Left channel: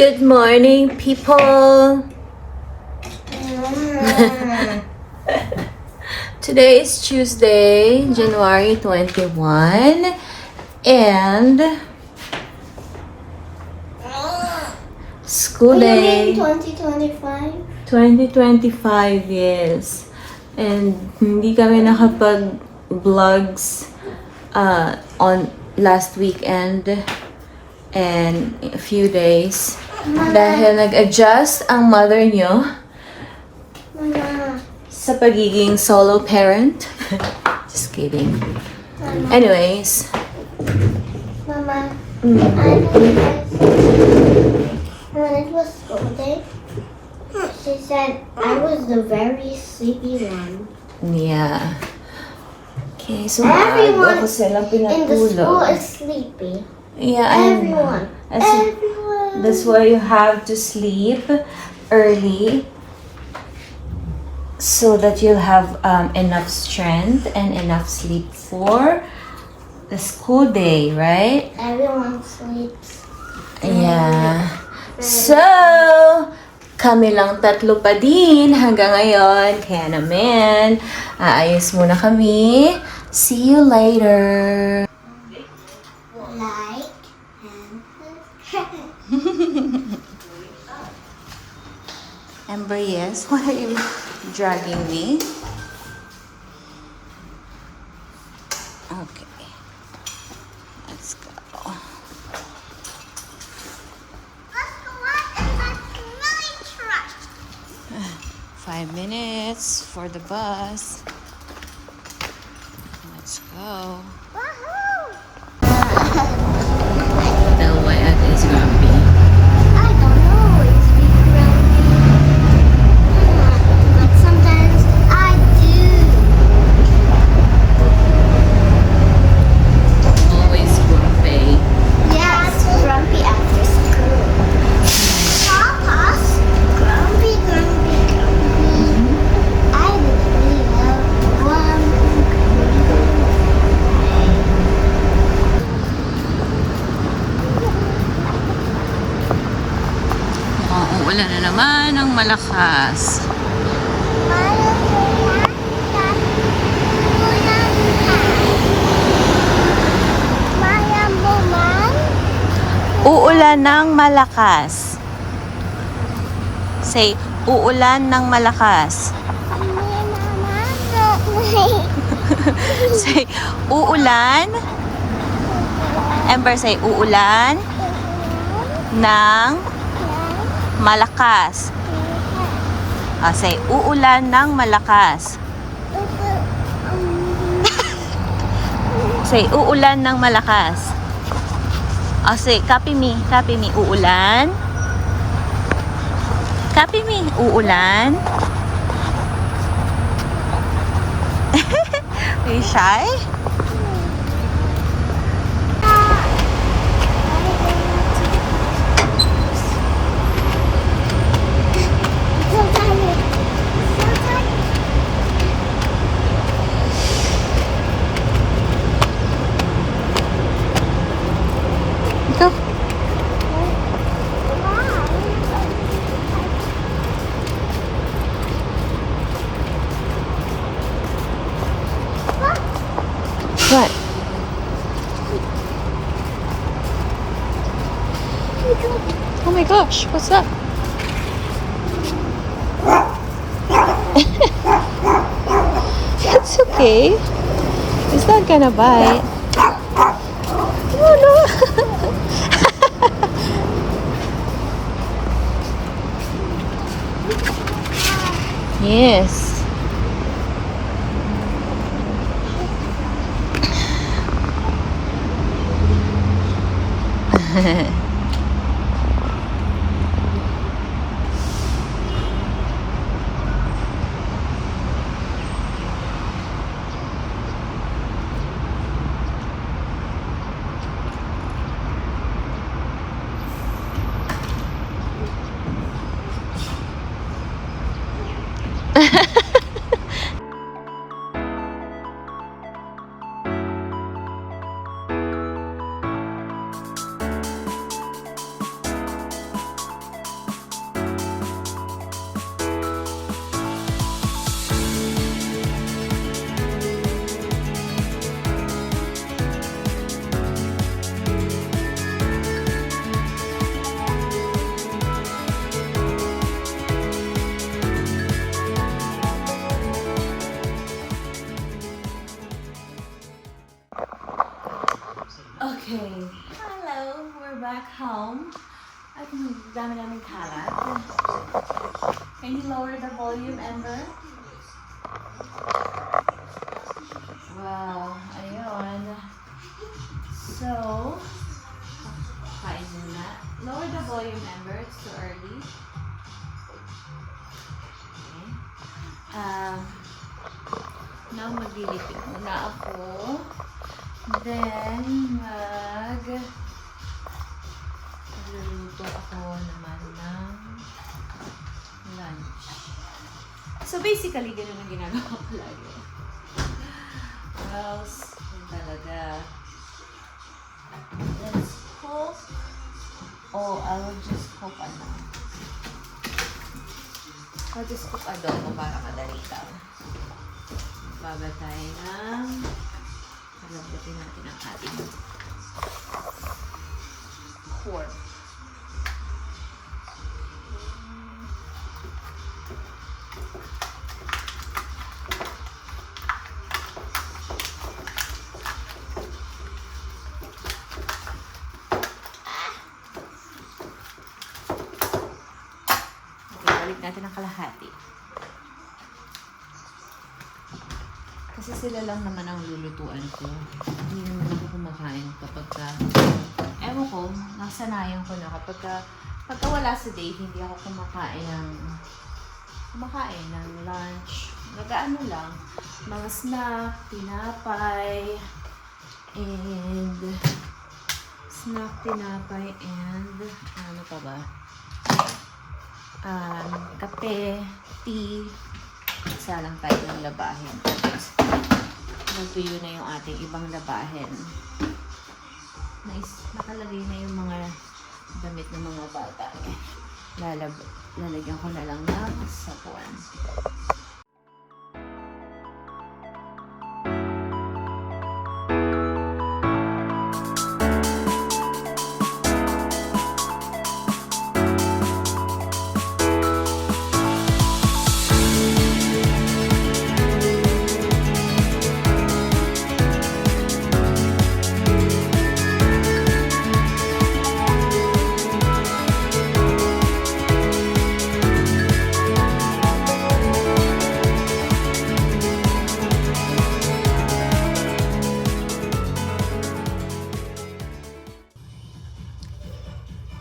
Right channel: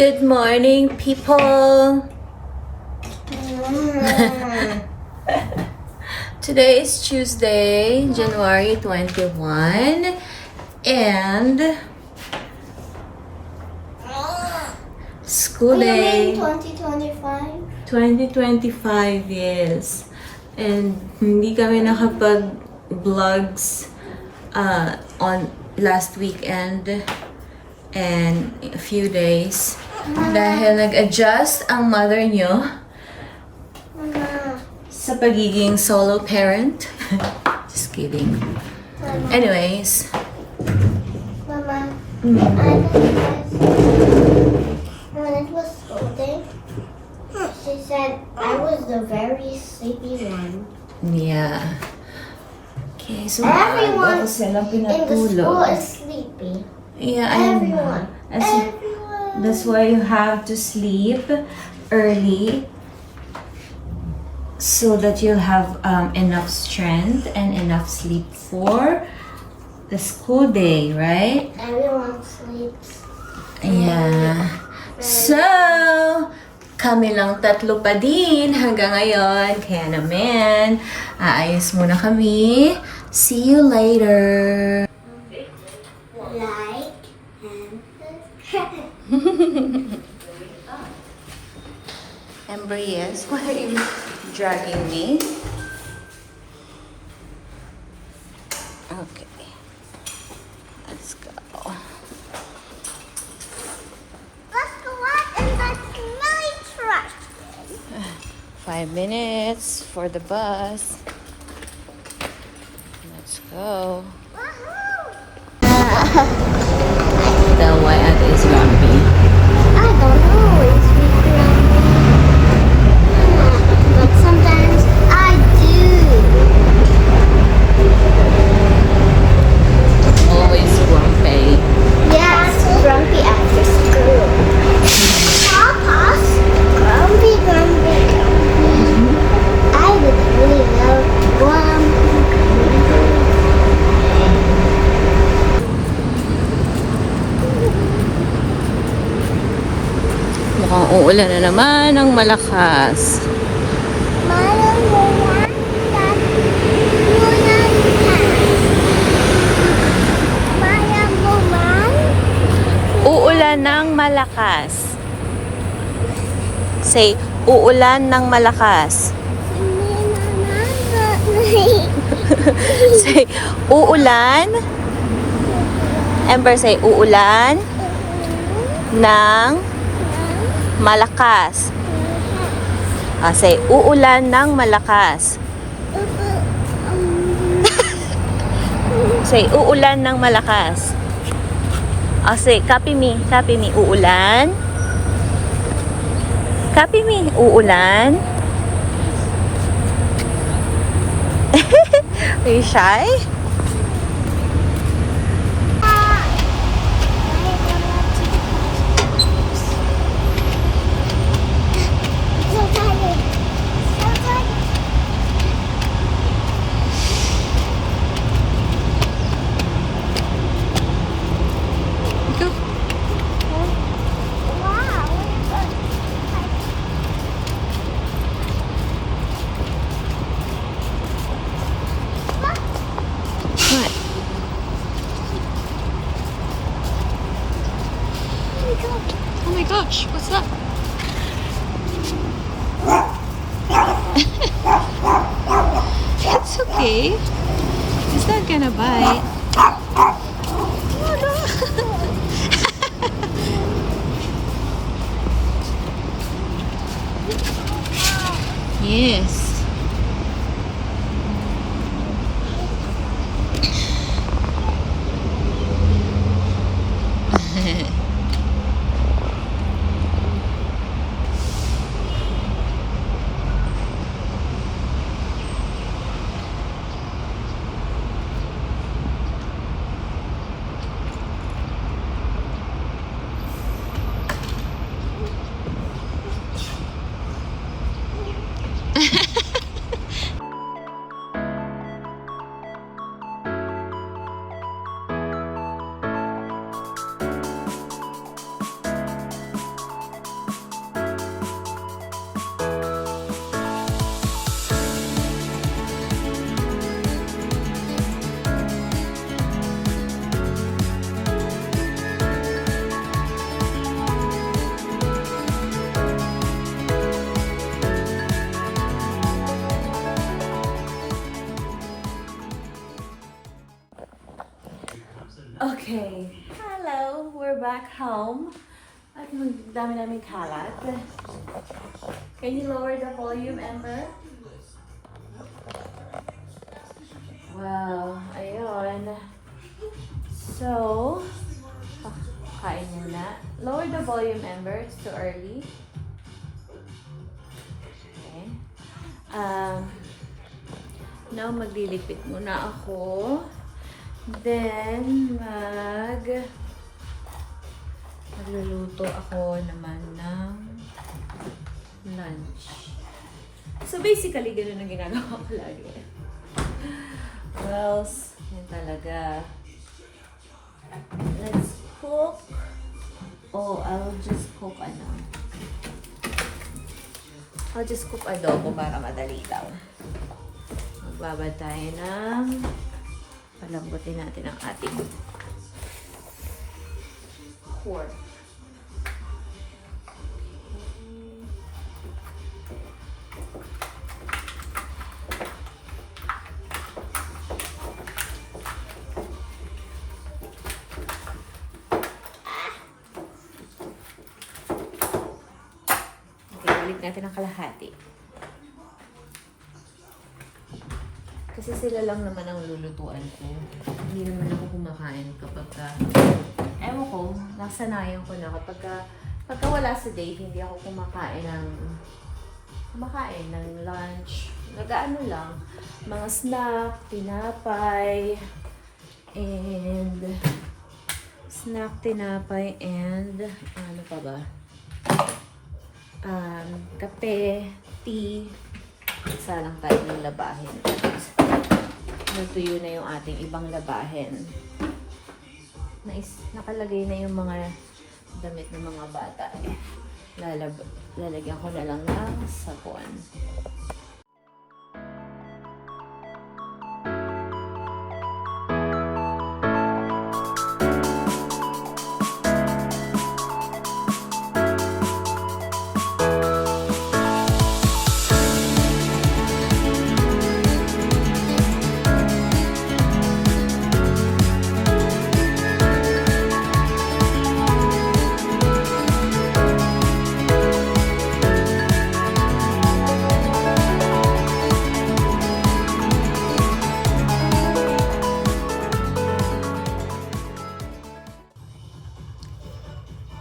Good morning, people. Today is Tuesday, January 21, and school day. 2025? 2025, yes. And hindi kami nakapag-vlogs on last weekend and a few days dahil nag-adjust ang mother nyo Mama. sa pagiging solo parent. Just kidding. Anyways. Mama. Mm. When it was school day, she said I was the very sleepy one. Yeah. Okay, so Everyone ako silang In the school pinatulog. is sleepy. Yeah, I know. Everyone. Everyone. That's why you have to sleep early so that you'll have enough strength and enough sleep for the school day, right? Everyone sleeps. Yeah. So, kami lang tatlo pa din hanggang ngayon. Kaya naman, aayos muna kami. See you later. Like Amber, yes? Why are you dragging me? Okay. Let's go. Let's go up in the smelly truck. 5 minutes for the bus. Let's go. Woohoo! Tell why Ate is grumpy. I don't know. Is we grumpy? But sometimes I do. Always grumpy. Yes, grumpy after school. Papa's grumpy, grumpy, grumpy. I would really love grumpy, grumpy. Mukhang uulan na naman ng malakas. Uulan ng malakas. Say, uulan ng malakas. Say, uulan. Amber, say, uulan ng malakas. Say, uulan ng malakas. Say, uulan ng malakas. Say, copy me, uulan. Copy me, uulan. Are you shy? Go. What? Oh my gosh, what's that? It's okay. It's not gonna bite. Oh no! Yes. back home. At dami-daming kalat. Can you lower the volume, Amber? Wow, ayun. So, kain muna. Lower the volume, Amber. It's too early. Okay. Now, maglilipit muna ako. Then, magluluto ako naman ng lunch. So, basically, ganun ang ginagawa ko lagi. Well, yun talaga. Let's cook. Oh, I'll just cook I'll just cook adobo para madali lang. Magbabad tayo ng palambutin natin ang ating pork. Balik natin ang kalahati. Kasi sila lang naman ang lulutuan ko. Hindi naman ako kumakain kapag ewan ko, nasanayan ko na pagka wala si Dave, hindi ako kumakain ng lunch. Nag-ano lang, mga snack, tinapay, and ano pa ba? Kape, tea, isa lang tayo ng labahin. Natuyo na yung ating ibang labahin. Nakalagay na yung mga damit ng mga bata. Lalagyan ko na lang ng sabon.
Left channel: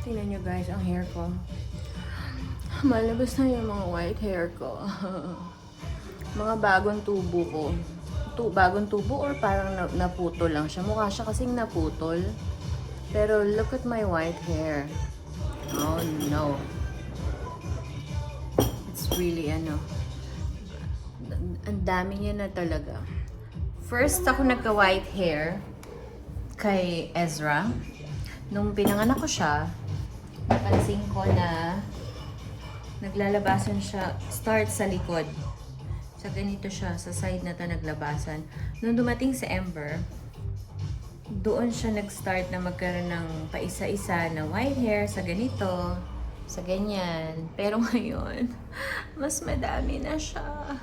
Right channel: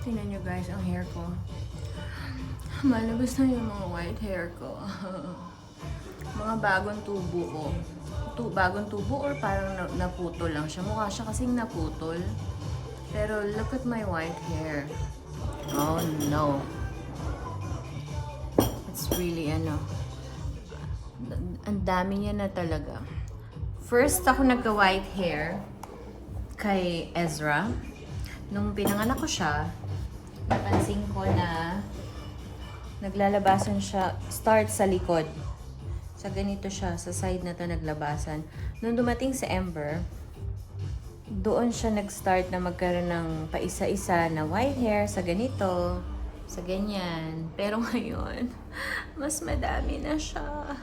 Tingnan nyo guys, ang hair ko. Malabas na yung mga white hair ko. Mga bagong tubo ko. Bagong tubo or parang naputol lang siya. Mukha siya kasing naputol. Pero look at my white hair. Oh no. It's really ang dami niya na talaga. First ako nagka-white hair kay Ezra. Nung pinanganak ko siya, napansin ko na naglalabasan siya, start sa likod. Sa ganito siya, sa side na to naglabasan. Nung dumating sa Ember, doon siya nag-start na magkaroon ng paisa-isa na white hair sa ganito, sa ganyan. Pero ngayon, mas madami na siya.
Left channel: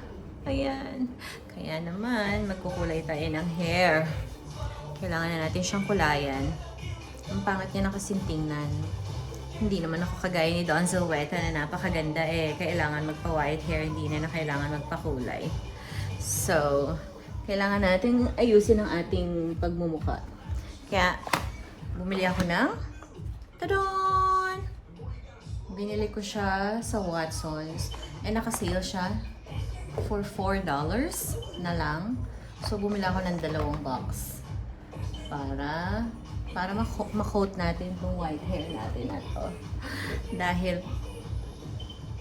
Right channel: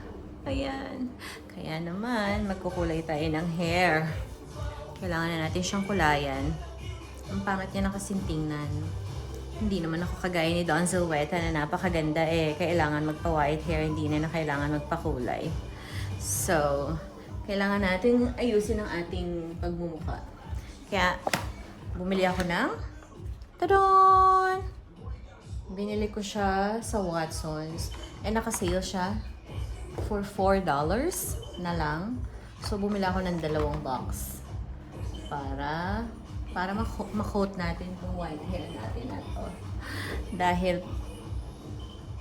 Ayan. Kaya naman, magkukulay tayo ng hair. Kailangan na natin siyang kulayan. Ang pangit niya na kasing tingnan. Hindi naman ako kagaya ni Don Zilweta na napakaganda kailangan magpa-white hair, hindi na kailangan magpakulay. So, kailangan natin ayusin ang ating pagmumukha. Kaya, bumili ako ng tadon! Binili ko siya sa Watsons. Nakasale siya for $4 na lang. So, bumili ako ng 2 box. Para ma-coat natin itong white hair natin na to. Dahil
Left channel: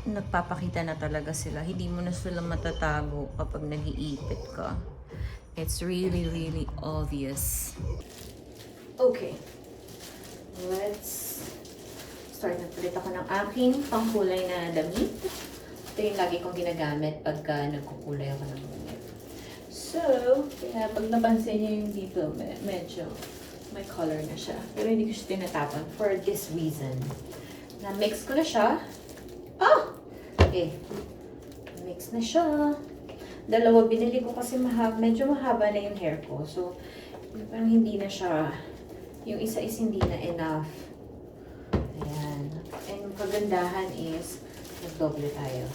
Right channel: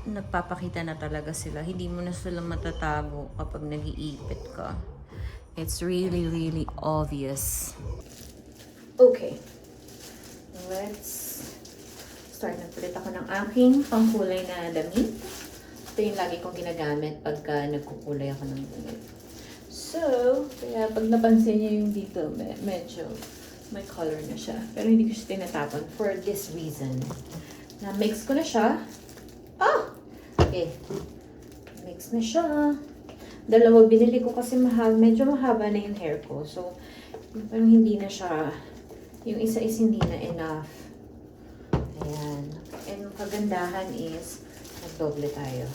nagpapakita na talaga sila. Hindi mo na sila matatago kapag nag-iipit ka. It's really, really obvious. Okay. Let's start. Nagpalit ako ng aking pangkulay na damit. Ito yung lagi kong ginagamit pagka nagkukulay ako ng damit. So, kaya pag napansin niyo yung dito, medyo may color na siya. Pero hindi ko siya tinatapon for this reason. Na-mix ko na siya. Okay. Mix na siya. 2 binili ko kasi medyo mahaba na yung hair ko. So, parang hindi na siya, yung isa is hindi na enough Ayan. And kagandahan is, nagdoble tayo.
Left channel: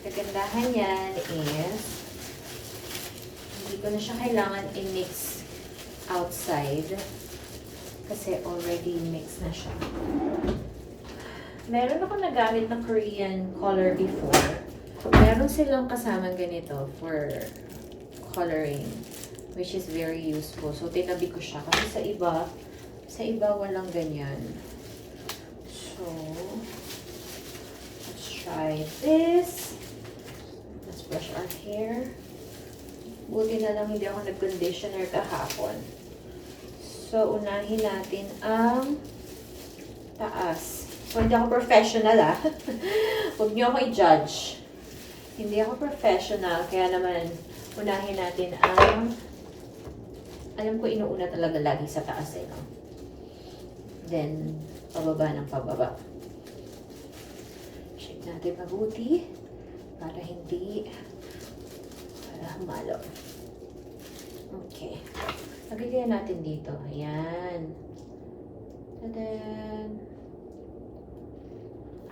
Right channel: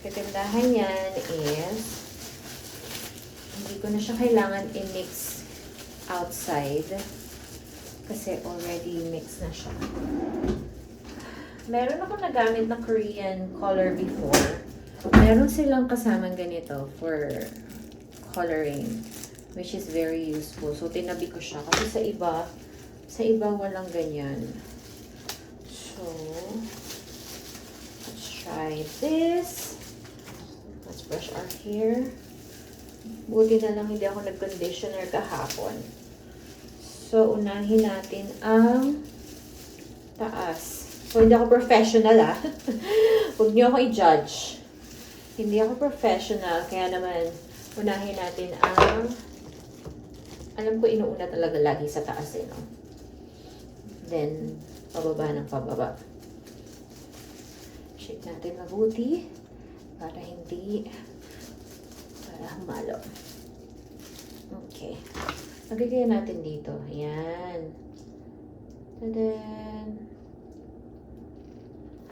Kagandahan yan is, hindi ko na siya kailangan i-mix outside kasi already mixed na siya. Meron ako nagamit na Korean color before. Meron silang kasamang ganito for coloring, which is very useful. So, tinabi ko siya kasi sa iba walang ganyan. So, let's try this. Let's brush our hair. Buti na lang hindi ako nag-conditioner kahapon. So, unahin natin ang taas. So, hindi ako professional Huwag niyo ako i-judge. Hindi ako professional, kaya naman unahin natin ang, alam ko inuuna talaga lagi sa taas no? Then, pababa ng pababa. Shake natin mabuti para humalo. Okay. Lagay natin dito. Ayan. Tadan!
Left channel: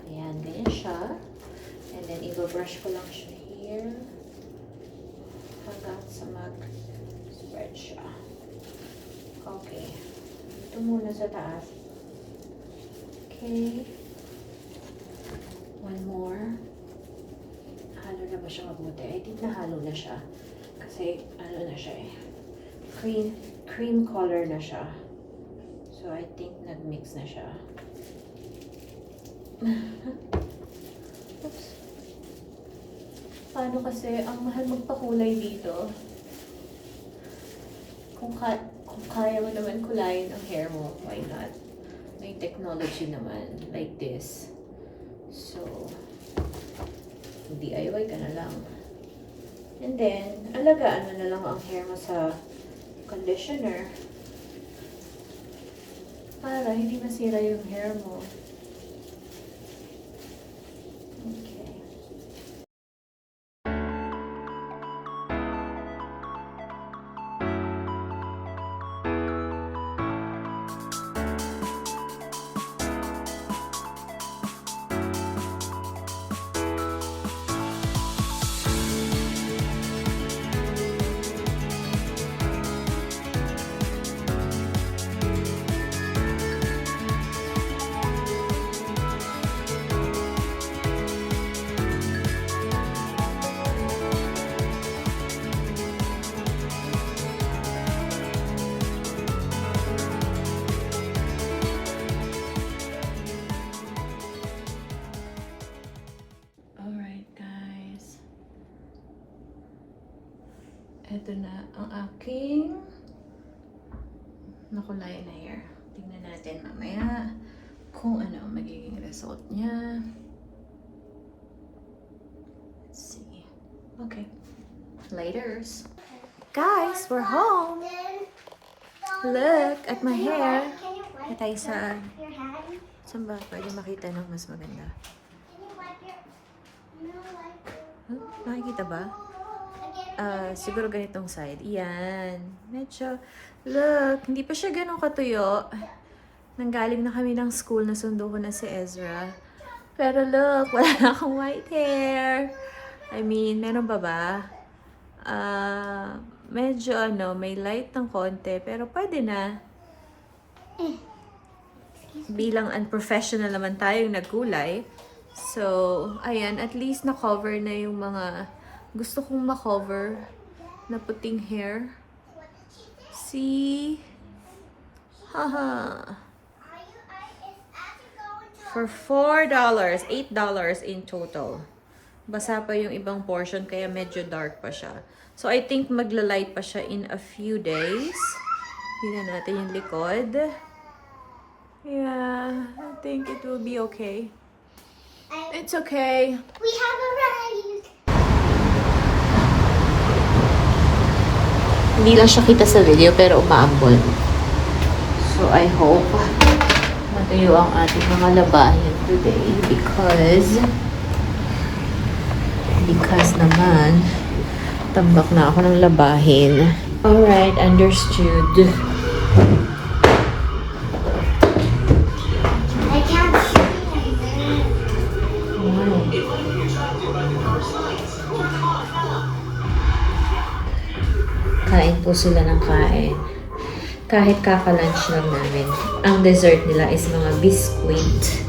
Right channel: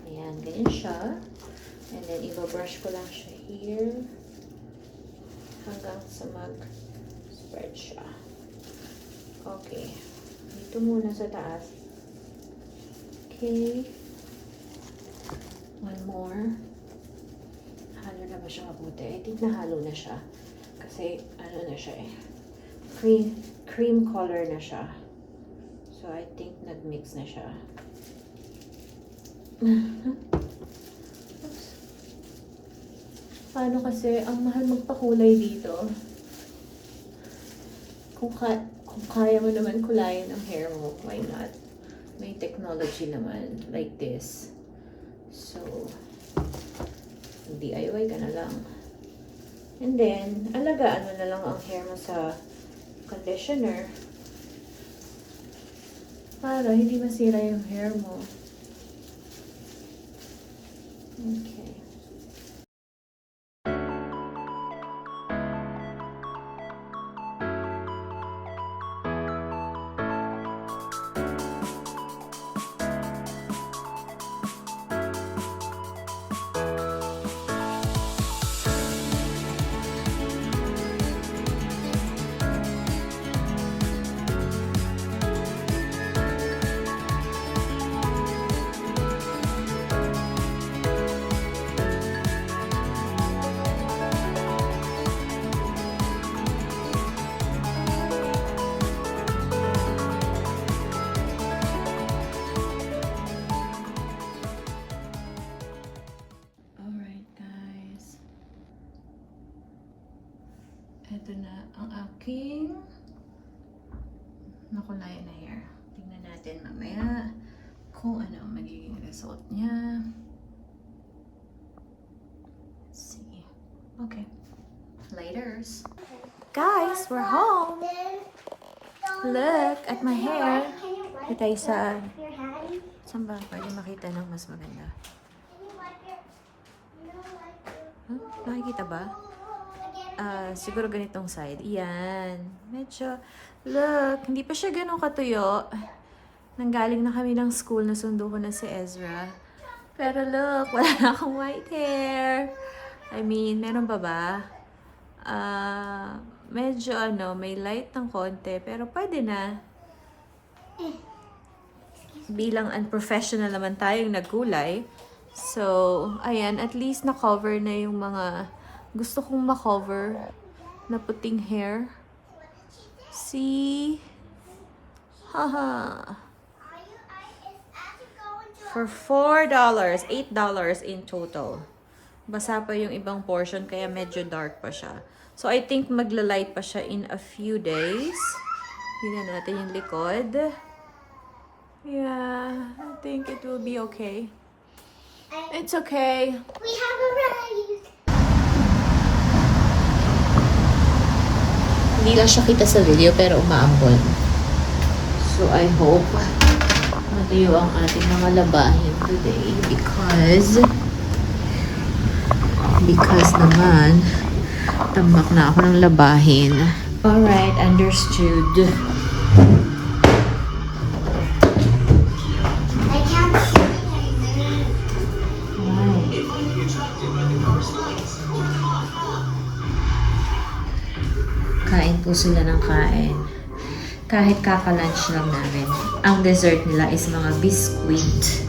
Ayan, ganyan siya. And then, i-brush ko lang siya here. Hanggang sa mag-spread siya. Okay. Ito muna sa taas. Okay. One more. Halo na ba siya mabuti? I think nahalo na siya. Kasi, ano na siya cream color na siya. So, I think nag-mix na siya. Oops. Paano kasi, ang mahal magpakulay dito. Kung kaya mo naman kulayin ang hair mo, why not? May technology naman, like this. So, DIY ka na lang. And then, alagaan mo na lang ang hair mo sa conditioner para hindi masira yung hair mo. Okay. Ito na ang aking nakulayan na hair. Tingnan natin mamaya kung ano ang magiging result niya. Let's see. Okay. Laters. Guys, we're home. Look at my hair. Ito tayo sa... Saan ba? Pwede makita ng mas maganda. Huh? Nakikita ba? Siguro ganitong side. Yan. Medyo, look, hindi pa siya ganun katuyo. Nanggaling na kami ng school, nasundo ko na si Ezra. Pero look, wala na akong white hair. I mean, meron pa ba? Medyo may light ng konti, pero pwede na. Bilang unprofessional naman tayong nagkulay. So, ayan, at least na-cover na yung mga gusto kong ma-cover na puting hair. See? Haha. For $4, $8 in total. Basa pa yung ibang portion kaya medyo dark pa siya. So I think magla-light pa siya in a few days. Tingnan natin yung likod. Yeah, I think it will be okay. It's okay. We have arrived. Hindi lang siya kita sa video pero umaambon. So I hope matayo ang ating mga labahin today because naman tambak na ako ng labahin. Alright, understood. I can't see. Kain po sila ng kain. Kahit kaka-lunch lang namin. Ang dessert nila is mga biscuit.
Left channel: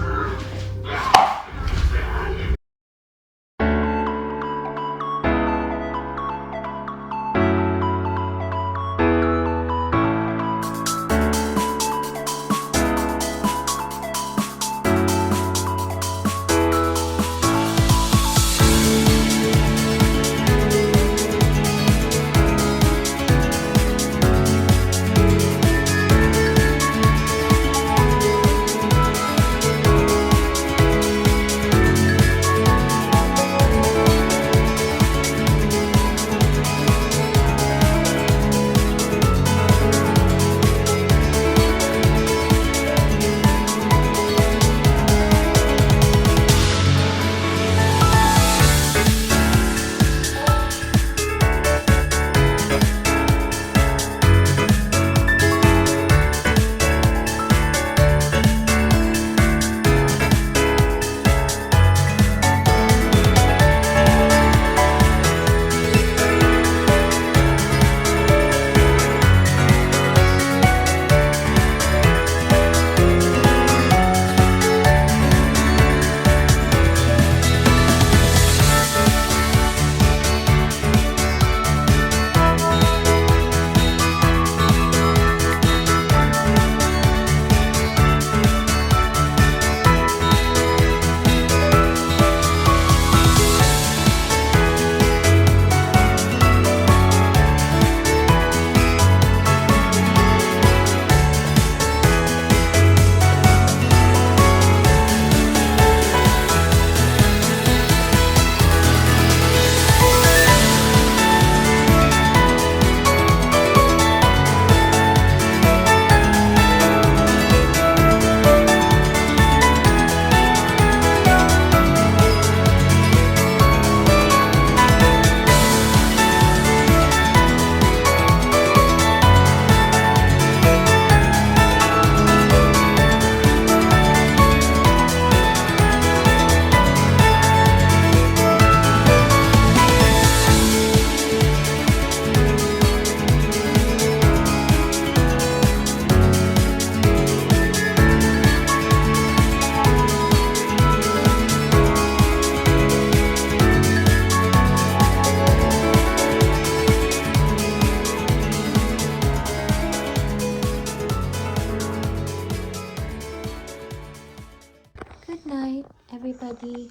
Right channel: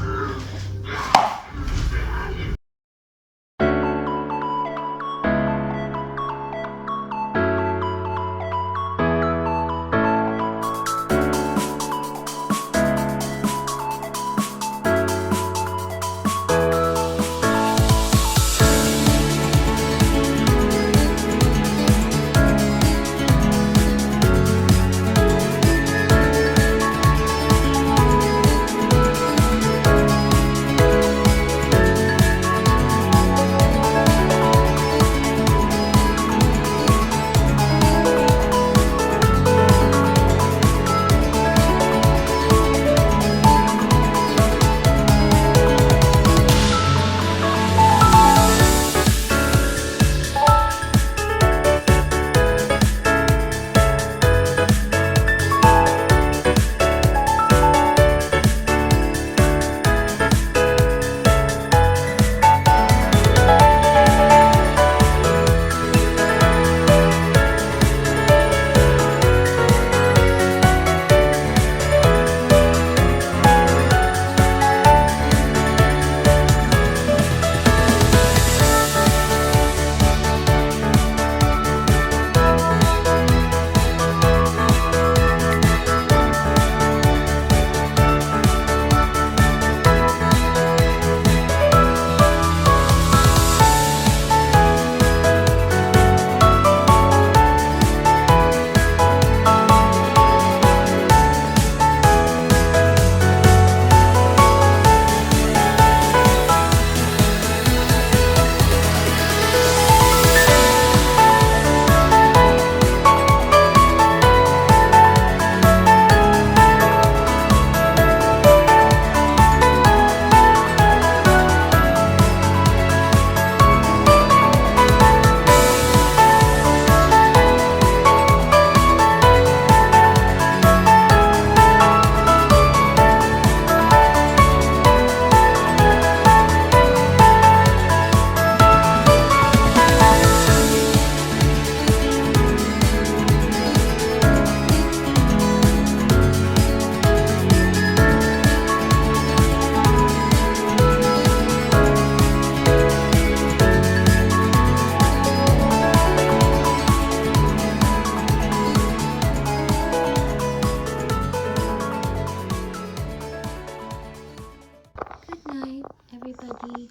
Good night, everybody.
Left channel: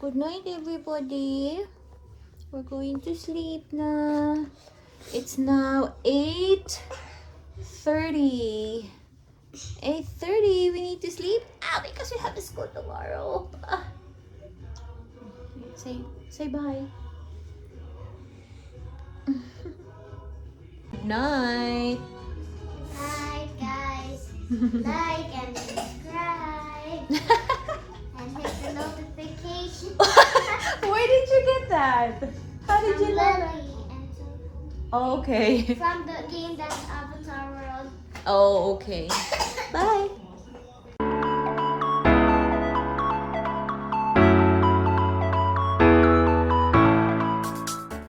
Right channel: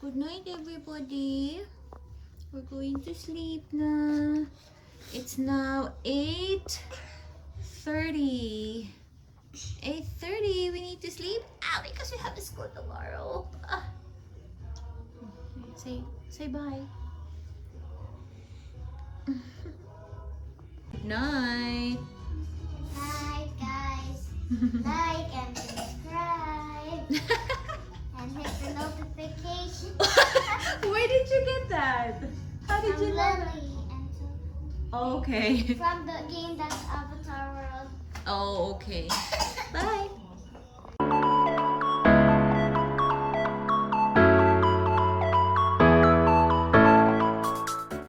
Good night, everybody. We're going to sleep na. It's now 8:30. 8:30. We need to sleep. Because we have to school tomorrow. Say bye. Good night. Bye, guys. Like and subscribe. And hit the notification. Where did you get that? How did From you learn? Lily and Oh, okay. from the game that's Avatar World. Oh, okay. Bye.